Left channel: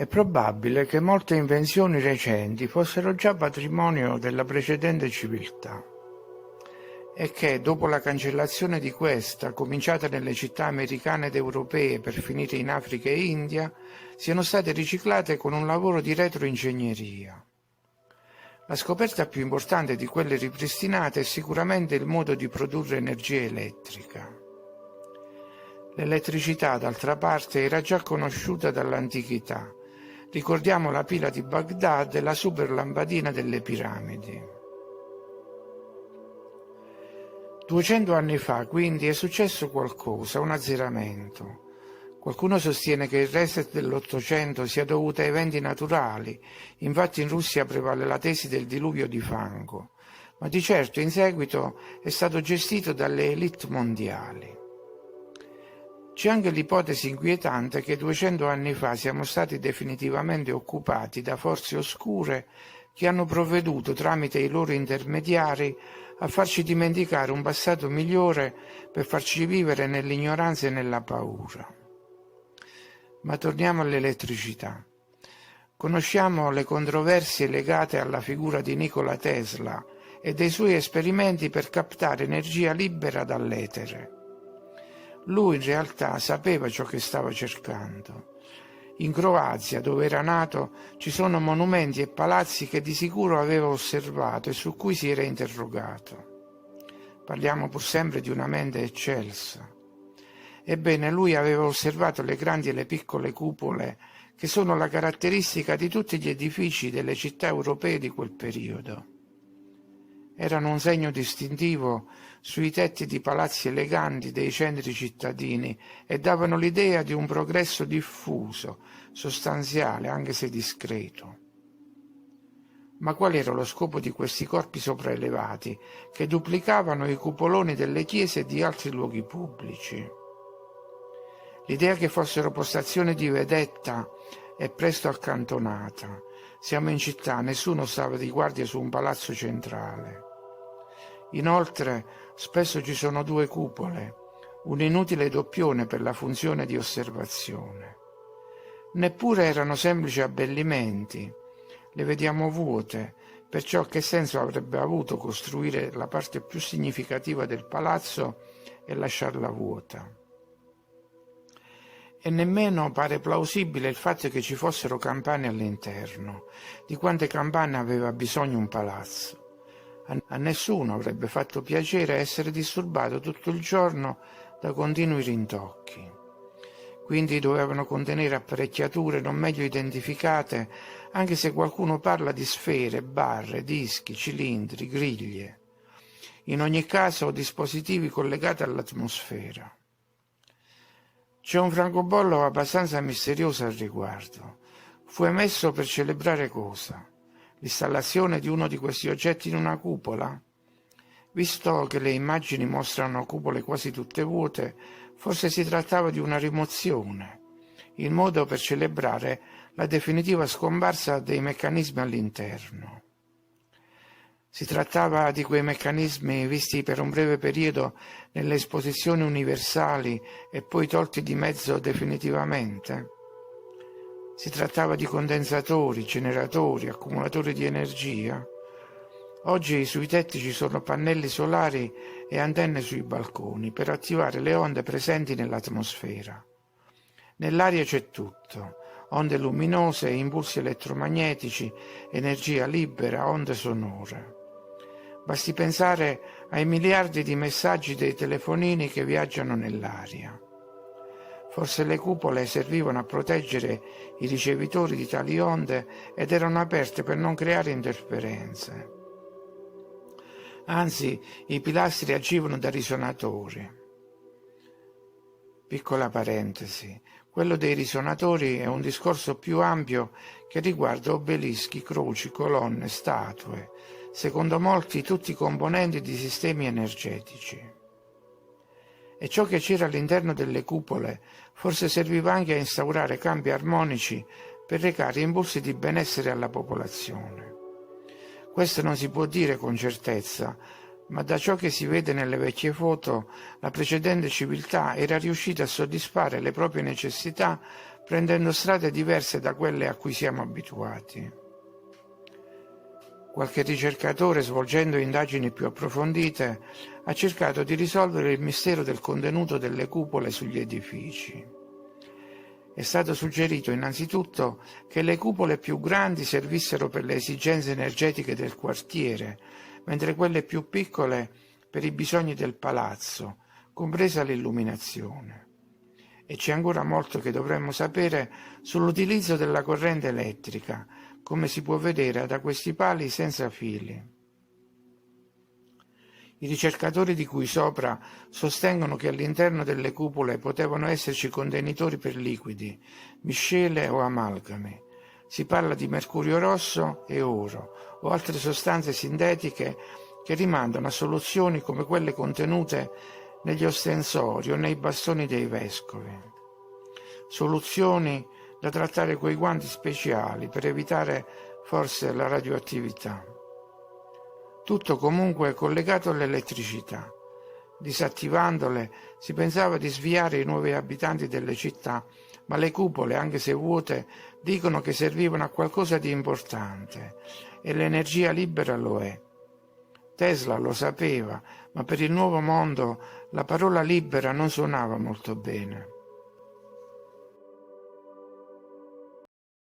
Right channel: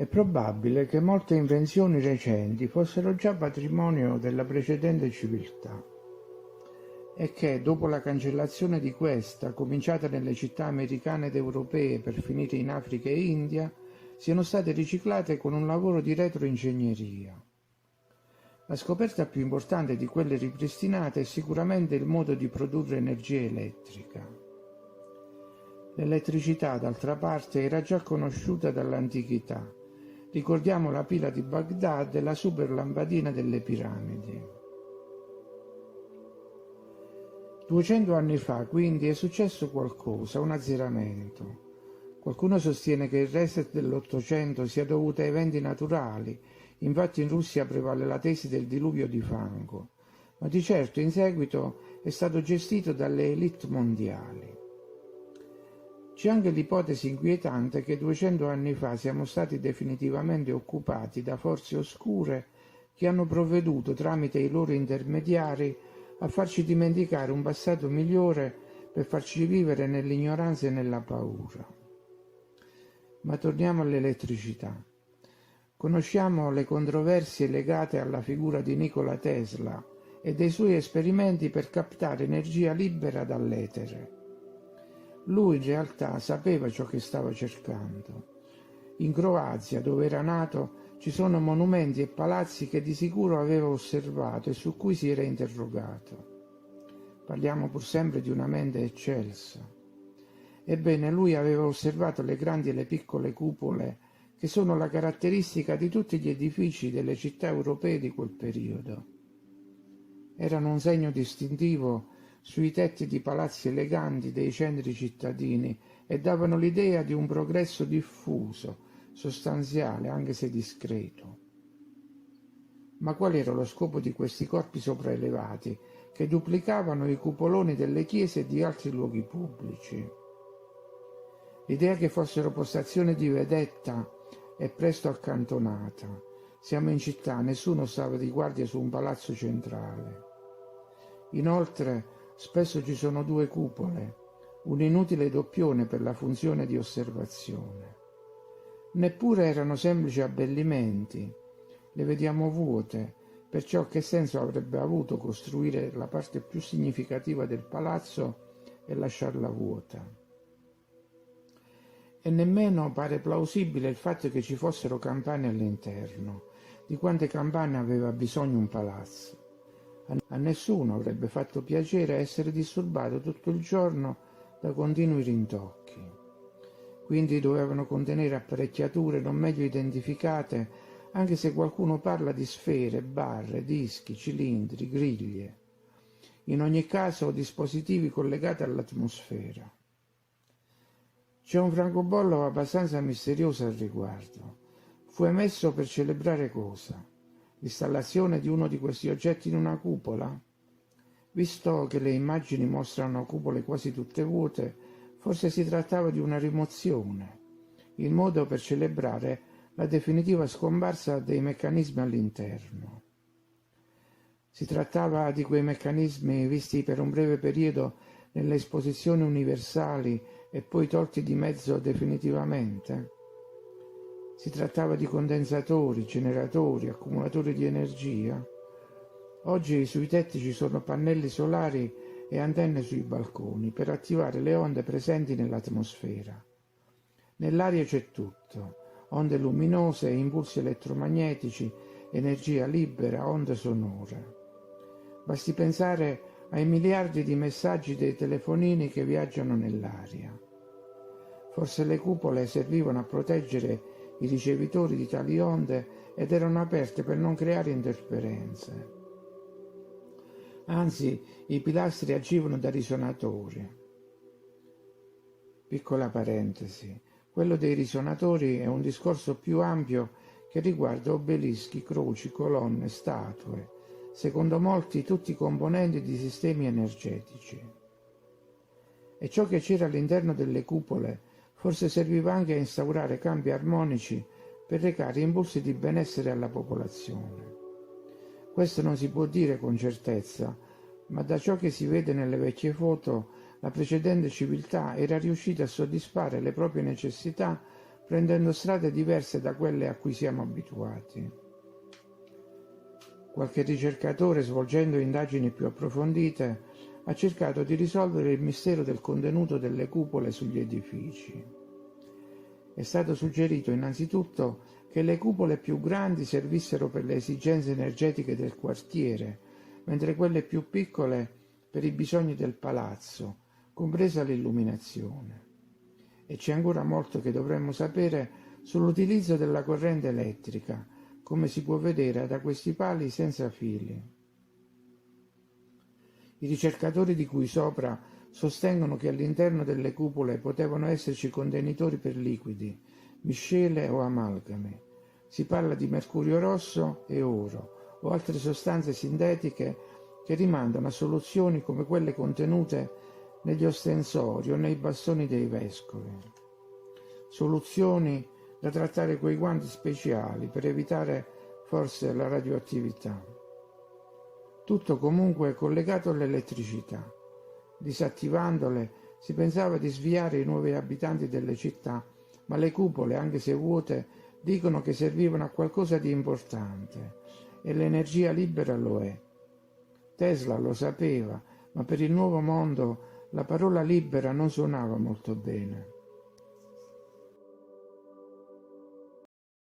È probabile che molte invenzioni recenti fossero già patrimonio della precedente civiltà e che, dopo la cancellazione di questa, cominciata nelle città americane ed europee per finire in Africa e India, siano state riciclate con un lavoro di retroingegneria. La scoperta più importante di quelle ripristinate è sicuramente il modo di produrre energia elettrica. L'elettricità, d'altra parte, era già conosciuta dall'antichità. Ricordiamo la pila di Baghdad e la super lampadina delle piramidi. 200 anni fa, quindi, è successo qualcosa, un azzeramento. Qualcuno sostiene che il reset dell'Ottocento sia dovuto a eventi naturali, infatti in Russia prevale la tesi del diluvio di fango, ma di certo in seguito è stato gestito dalle élite mondiali. C'è anche l'ipotesi inquietante che 200 anni fa siamo stati definitivamente occupati da forze oscure che hanno provveduto tramite i loro intermediari a farci dimenticare un passato migliore per farci vivere nell'ignoranza e nella paura. Ma torniamo all'elettricità. Conosciamo le controversie legate alla figura di Nikola Tesla e dei suoi esperimenti per captare energia libera dall'etere. Lui in realtà sapeva ciò che stava cercando. In Croazia, dove era nato, ci sono monumenti e palazzi che di sicuro aveva osservato e su cui si era interrogato. Parliamo pur sempre di una mente eccelsa. Ebbene, lui aveva osservato le grandi e le piccole cupole che sono la caratteristica di tutti gli edifici delle città europee di quel periodo. Erano un segno distintivo sui tetti di palazzi eleganti dei centri cittadini e davano l'idea di un progresso diffuso, sostanziale, anche se discreto. Ma qual era lo scopo di questi corpi sopraelevati che duplicavano i cupoloni delle chiese e di altri luoghi pubblici? L'idea che fossero postazioni di vedetta è presto accantonata. Siamo in città, nessuno stava di guardia su un palazzo centrale. Inoltre, spesso ci sono due cupole, un inutile doppione per la funzione di osservazione. Neppure erano semplici abbellimenti, le vediamo vuote, perciò che senso avrebbe avuto costruire la parte più significativa del palazzo e lasciarla vuota? E nemmeno pare plausibile il fatto che ci fossero campane all'interno. Di quante campane aveva bisogno un palazzo? A nessuno avrebbe fatto piacere essere disturbato tutto il giorno da continui rintocchi. Quindi dovevano contenere apparecchiature non meglio identificate, anche se qualcuno parla di sfere, barre, dischi, cilindri, griglie. In ogni caso dispositivi collegati all'atmosfera. C'è un francobollo abbastanza misterioso al riguardo. Fu emesso per celebrare cosa? L'installazione di uno di questi oggetti in una cupola? Visto che le immagini mostrano cupole quasi tutte vuote, forse si trattava di una rimozione, il modo per celebrare la definitiva scomparsa dei meccanismi all'interno. Si trattava di quei meccanismi visti per un breve periodo nelle esposizioni universali e poi tolti di mezzo definitivamente? Si trattava di condensatori, generatori, accumulatori di energia? Oggi sui tetti ci sono pannelli solari e antenne sui balconi per attivare le onde presenti nell'atmosfera. Nell'aria c'è tutto, onde luminose, impulsi elettromagnetici, energia libera, onde sonore. Basti pensare ai miliardi di messaggi dei telefonini che viaggiano nell'aria. Forse le cupole servivano a proteggere i ricevitori di tali onde ed erano aperte per non creare interferenze. Anzi, i pilastri agivano da risonatori. Piccola parentesi, quello dei risonatori è un discorso più ampio che riguarda obelischi, croci, colonne, statue, secondo molti tutti componenti di sistemi energetici. E ciò che c'era all'interno delle cupole forse serviva anche a instaurare cambi armonici per recare impulsi di benessere alla popolazione. Questo non si può dire con certezza, ma da ciò che si vede nelle vecchie foto, la precedente civiltà era riuscita a soddisfare le proprie necessità prendendo strade diverse da quelle a cui siamo abituati. Qualche ricercatore, svolgendo indagini più approfondite, ha cercato di risolvere il mistero del contenuto delle cupole sugli edifici. È stato suggerito innanzitutto che le cupole più grandi servissero per le esigenze energetiche del quartiere, mentre quelle più piccole per i bisogni del palazzo, compresa l'illuminazione. E c'è ancora molto che dovremmo sapere sull'utilizzo della corrente elettrica, come si può vedere da questi pali senza fili. I ricercatori di cui sopra sostengono che all'interno delle cupole potevano esserci contenitori per liquidi, miscele o amalgami. Si parla di mercurio rosso e oro o altre sostanze sintetiche che rimandano a soluzioni come quelle contenute negli ostensori o nei bastoni dei vescovi. Soluzioni da trattare coi guanti speciali per evitare forse la radioattività. Tutto comunque collegato all'elettricità. Disattivandole si pensava di sviare i nuovi abitanti delle città, ma le cupole, anche se vuote, dicono che servivano a qualcosa di importante e l'energia libera lo è. Tesla lo sapeva, ma per il nuovo mondo la parola libera non suonava molto bene.